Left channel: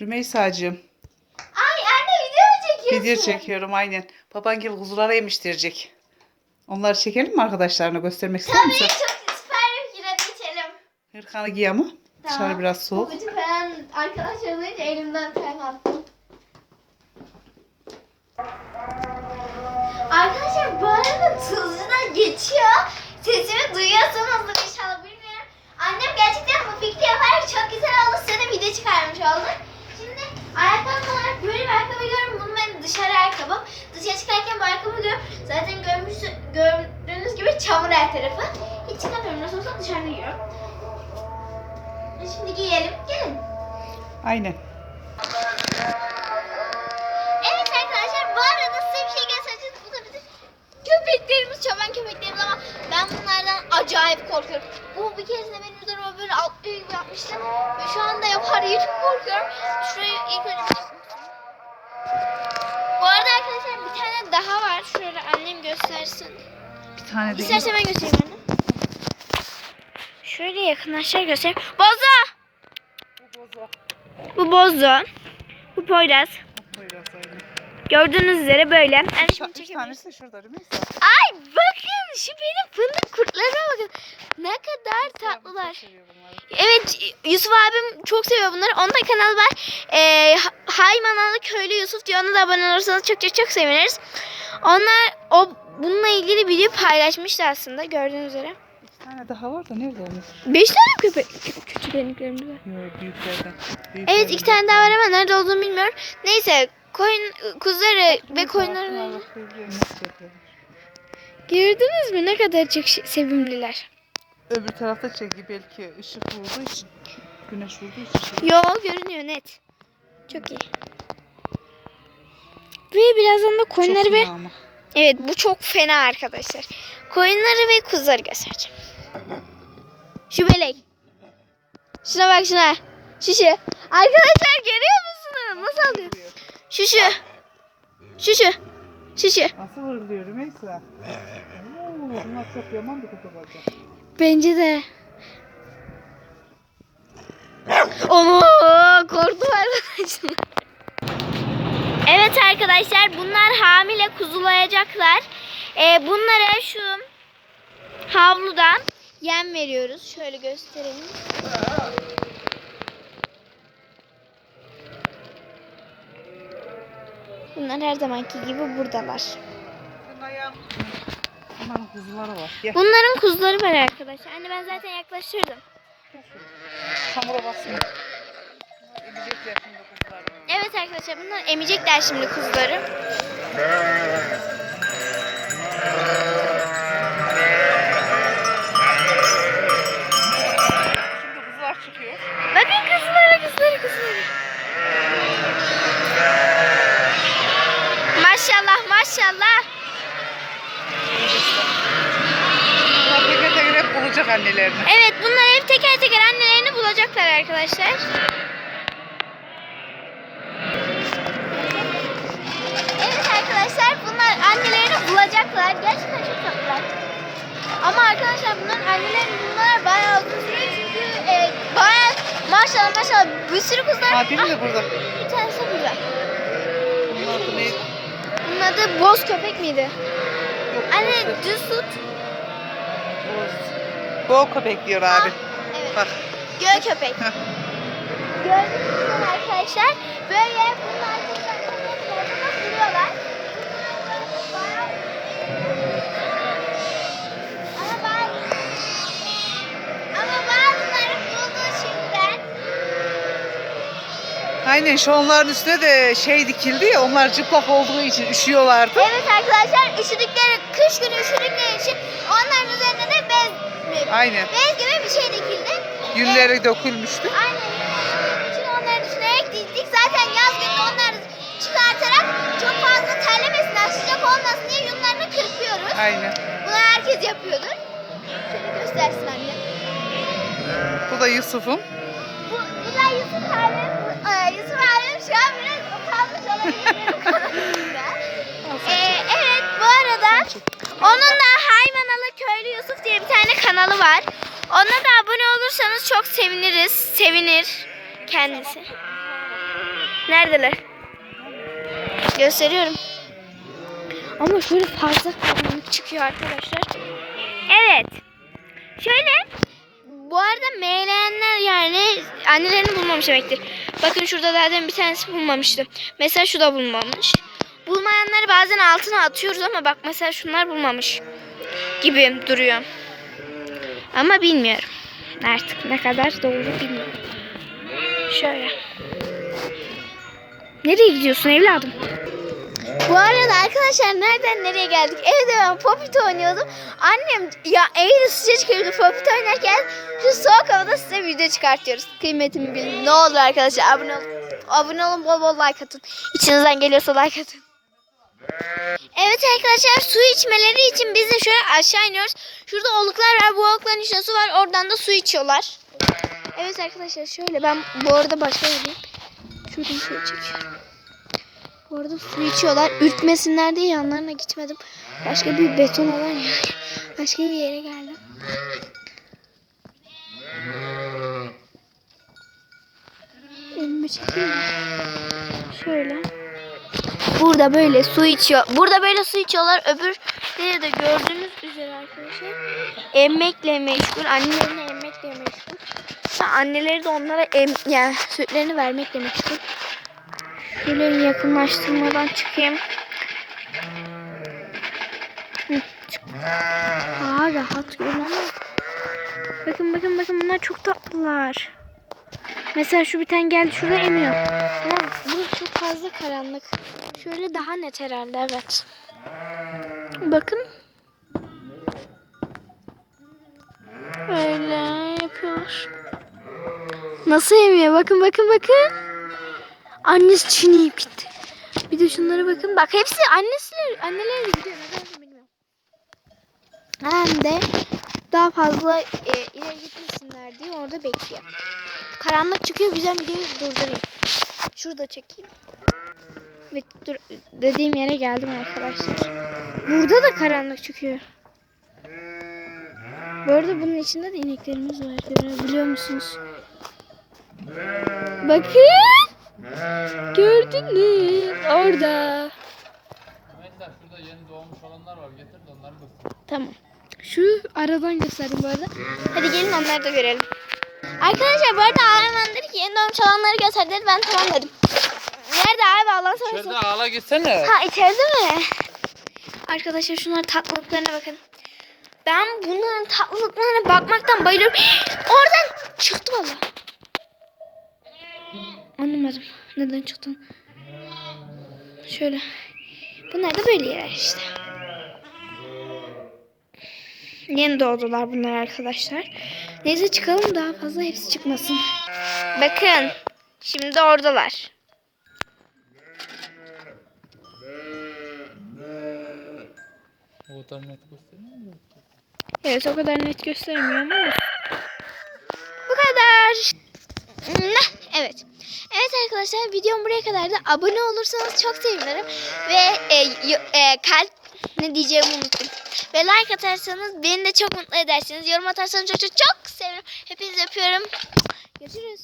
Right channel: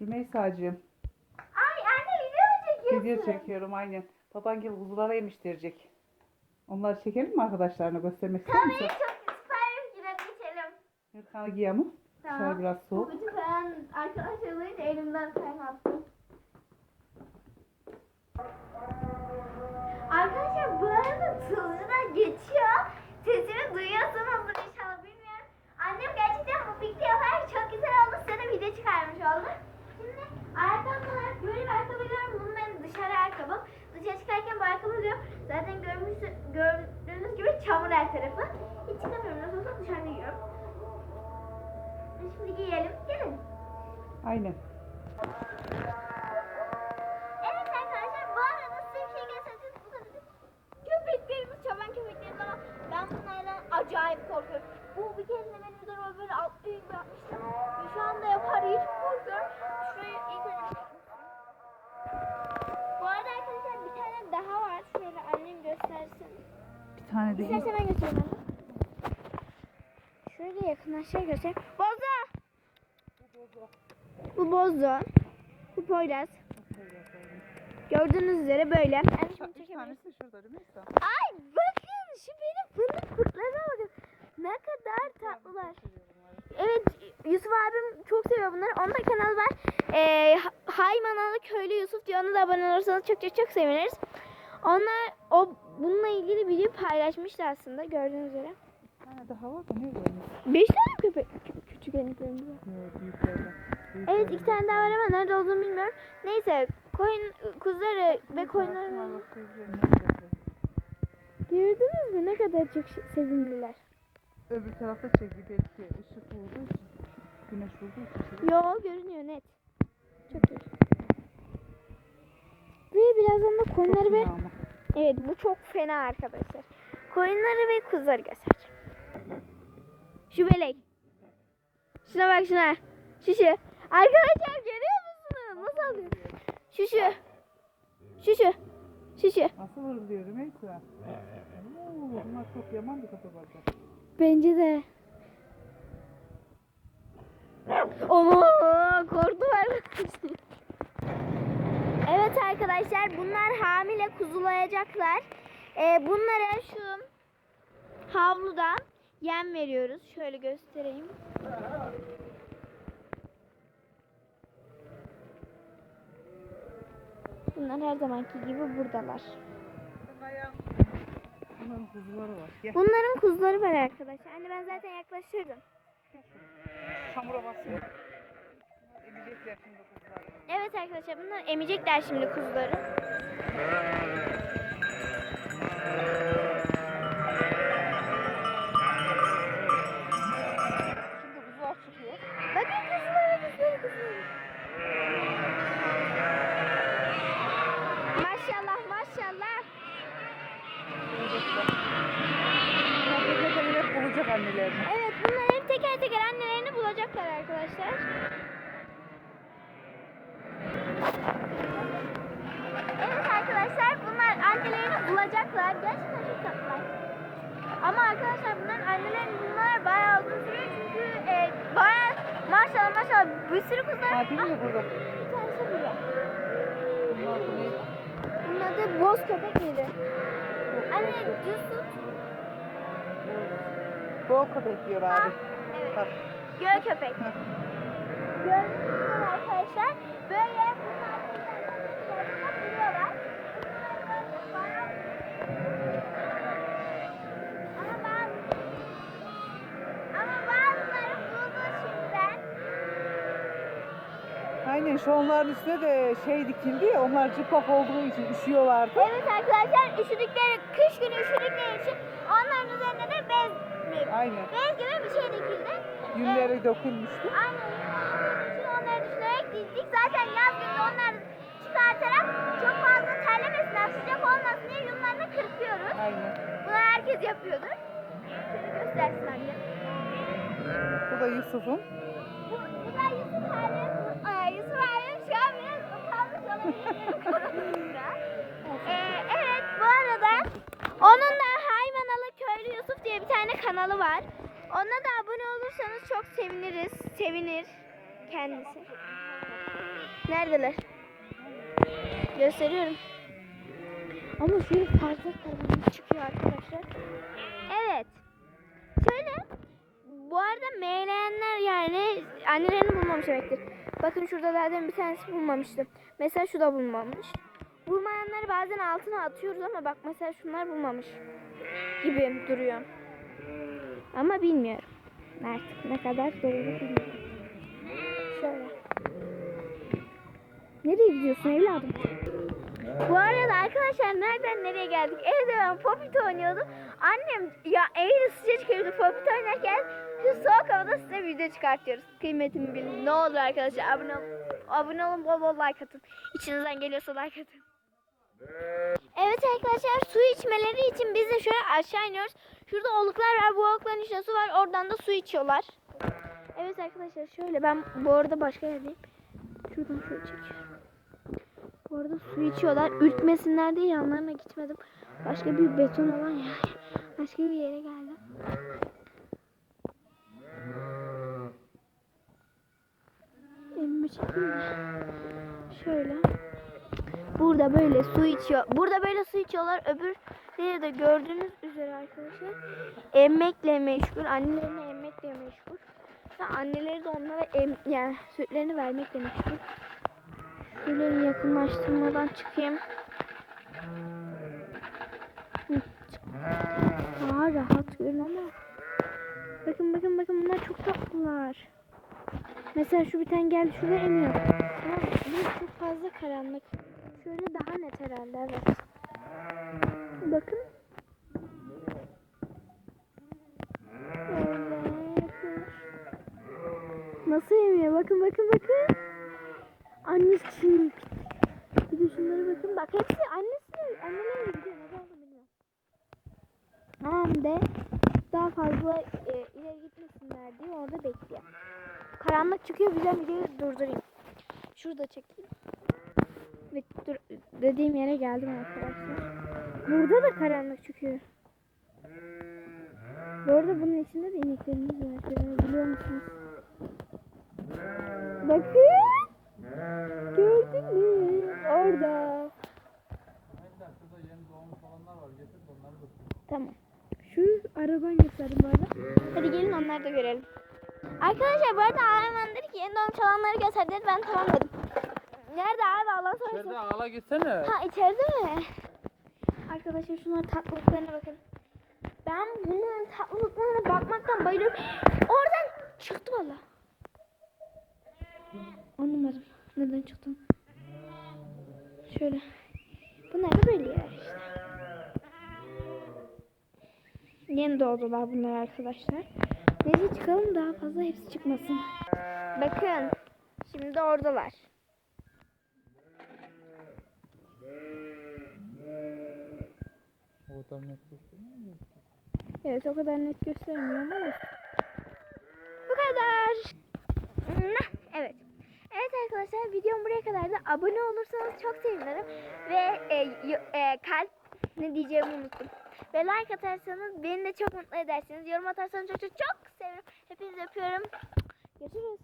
Rümeysa'cığım Ay anne video mu çekiyorsun? video çekiyorum aynen. Baban gibi kuzulara yemiştirecek. Onları çekelim mi arkadaşlarına göstermek ister Tabii misin? çok süper bir fikir hadi geçelim. Hırkanı giy ama. Dışarı biraz soğuk. Babacık falan arkadaşlar olunca elimden terk attım. Arkadaşlar bu arada tuzluda geçiyor. Sesimi duyuyorsunuzdur inşallah bilmiyorum. Annem gerçekten bu fikri yaparak çok güzel oldu. Size de video çıkarmış olduk. Şimdi ayakkabı olarak böyle bir ayakkabı görüyorum. Bunu ben dışarı ayakkabım. Dışarı çıkarken bu ayakkabı görüyorum. Zaten görmüş, gördüğünüz gibi çamur her tarafı. Hiç çıkamıyorum. Nasıl olsa dışarıda giyiyorum. Şimdi giyelim. Gelin. Aynen. Evet arkadaşlar bu arada size bir şey göstereceğiz. Bu da bizim köpeklerimiz, çoban köpeklerimiz ama ben bunlardan acayip korkuyorum. Bu bir keresinde benim üzerime böyle atlıyor gibi yapmıştı. Ve şu anda yapar diye çok korkuyorum. Şurayı Göstersin. Bir tane de İstersen ben göstereyim anne. Şöyle yakınlaşır göstereyim. Bozo! Bu Bozo. Bu Poyraz. Gördüğünüz üzere böyle. Yani şimdi çekebiliriz. şurada Rümeysa. Ay bakın şu benim fındık kurtlarına bakın. Ne kadar tatlılar. Evet Yusuf abim çok seviyor bunları. Onun da kanalı var. Ee, Haymanalı Köylü Yusuf diyor. Ona da abone olursanız çok çok çok seviniriz. Onlar o bununla ilgili video paylaşmıştı aslında gördüğünüz üzere. Bir tane daha var da nerede yani? Beş tane köpek kü- küçük beniklerimde var. Yok büyüklerden. Evet iki tane daha var ama nerede olduğunu bilmiyorum. Neyse koyun kuzuları ve koyunları gördünüz mü ne kadar çok şey- sevimliler. Öbür tarafta çeki belki ışık vurduğu için. Güneş vurduğu için. Yo görünüyor net. Çok iyi. Ve birazdan da koyunları ve ama. evet bu çok fena arkadaşlar. Koyunları ve kuzuları göstereceğim. Şu belek. Şuna bak şuna. Şu şu. Arkadaşlar görüyor musunuz? Nasıl alıyor? Şu şu. Şu şu. Şu şu. Nasıl vuruluyor Rümeysa? Bunlar çok yaman bir olacak. Bence de. Onu korktum arkadaşlar. Evet arkadaşlar bunlar hamile kuzulayacaklar. Ee, bunlara şu havludan yem veriyoruz. Şöyle göstereyim. Bunlar her zamanki gibi buradalar. Bunların kuzuları var. Gel. Arkadaşlar. Anne ben zaten yaklaştırdım. Çamura basın. Emecekler şimdi kuzuları. Evet arkadaşlar bunlar emecekler şimdi kuzuları. Şimdi kuzular çıkıyor. Bakın kuzulara kuzulara kuzulara. Maşallah maşallah. Bunlar teker teker bulacak annelerini. Evet bunlar hep teker teker annelerini bulacaklar arkadaşlar. Bulacaklar. Gerçekten çok tatlılar. Ama arkadaşlar bunların annelerini bulmalar bayağı uzun sürüyor çünkü e, bayağı maşallah maşallah bir sürü kuzular. Ha biri de burada. Ah, bir tanesi burada. Bunun adı neydi? Bunun adı boz köpek miydi? Yok. Anne boz- düz tut. boz. Bol köpek diyor abi. Evet. Bak. Göl köpek. Gördüğünüz gibi arkadaşlar böyle bunlar Aynen şu onların üstüne de şey dikildi ya onlar cıplak olduğu için üşüyorlardı. Evet arkadaşlar üşüdükleri kış günü üşüdükleri için onların üzerine de bez Aynen. bez gibi bir şey dikildi. Gülleri dökülmüştü. Aynen. Bunun için onları düşünerek dizdik. Zaten yaz günü onları çıkartarak çok fazla terlemesinler, sıcak olmasın diye yunlarını kırpıyoruz. Aynen. Bunu herkes yapıyordur. Şöyle göstersin anne. Bu da Yusuf'um. Bu, bu da Yusuf abim. Bu, e, Yusuf abim şu an biraz utanmış olabilir kanalımda. Ee, evet bu arada onun da Haymanalı Köylü Yusuf diye bir tane kanalı var. Ona da abone olursanız çok seviniriz. Sevinir kendisi. Neredeler? Gösteriyorum. Ama şöyle fazla karanlık çıkıyor arkadaşlar. Evet. Şöyle bu arada meyleyenler yani annelerini bulmamış demektir. Bakın şurada zaten bir tanesi bulmamıştı. Mesela şu da bulmamış. Bulmayanları bazen altına atıyoruz ama bak mesela şunlar bulmamış gibi duruyor. Ama bilmiyorum. Artık ne kadar doğru bilmiyorum. Şöyle. Nereye gidiyorsun evladım? Bu arada arkadaşlar nereden nereye geldik? Evde ben Popit oynuyordum. Annem ya evde sıcacık evde Popit oynarken şu soğuk havada size video çıkartıyoruz. Kıymetimi bilin. Ne olur arkadaşlar abone olun. Abone olun bol bol like atın. İçinizden geliyorsa like atın. Evet arkadaşlar su içmeleri için biz de şöyle aşağı iniyoruz. Şurada oluklar var. Bu olukların içinde su var. Oradan da su içiyorlar. Evet arkadaşlar şöyle ben bu arada başka yapayım. Şuradan şöyle çekiyorum. Bu arada su içiyorlar. Ürkmesinler diye yanlarına gitmedim. Başka bir beton alan ya. Başka bir yere geldim. Elimi çekeyim. Şöyle. Burada böyle su içiyor. Burada böyle su içiyorlar. Öbür de gördüğünüz üzere arkadaşlar. Emmekle meşgul. Annelerini emmekle meşgul. Anneleri de onlara em, yani sütlerini vermekle meşgul. Şöyle yakınlaştırmadan çıkayım. Daha rahat görün ama. Bakın bakın bakın bunlar çok tatlılar. Mesela şu bir tane geldi şurada emiyor. Ama bu çok fazla karanlık. Şöyle daha net herhalde evet. Bakın. Böyle yapıyorlar. Nasıl emiyor? Bakın bakın bakın. Annesi çiğneyip gitti. Bir de şunlara bakın. Bak hepsi annesiyle, annelerle gidiyor. Neden bilmiyorum. Hem de daha fazla e, ileri gitmesinler diye orada bekliyor. Karanlık çıkıyor. Güzel videoyu durdurayım. Şurada çekeyim. Ve dur, dediğim yere geldim arkadaşlar. Burada da karanlık çıkıyor. Bu arada bunun içinde de ineklerimiz var. Görebiliyor musunuz? Bakın. Gördünüz. Orada. Mesela şurada yeni doğmuş olanlar var. Getir de onları göster. Tamam. Şu aradan gösterdim bu arada. Hadi gelin onları da görelim. Arkadaşlar bu arada Arman dedi ki yeni doğmuş olanları göster dedi. Ben tamam dedim. Nerede abi Allah'ın İçeride seversen. ağla gitsene. Ha içeride mi? Arkadaşlar şunların tatlılıklarına bakın. Ben bunların tatlılıklarına bakmaktan bayılıyorum. Oradan çıktı valla. Anlamadım. Neden çıktı? Şöyle. Bunlar da böyle yer işte. Yeni doğdular bunlar arkadaşlar. Neyse çıkalım daha fazla hepsi çıkmasın. Bakın. Şimdi oradalar. O kadar net gösteriyor mu? Evet o kadar net göstermiyor ama. Bu kadar. Evet. Evet arkadaşlar videom buraya kadardı. Abone olursanız çok sevinirim. Ve e, e, kalp ne diyeceğimi unuttum. Ve like atarsanız beni de çok mutlu edersiniz. Yorum atarsanız çok çok çok sevinirim. Hepinizi öpüyorum. Görüşürüz.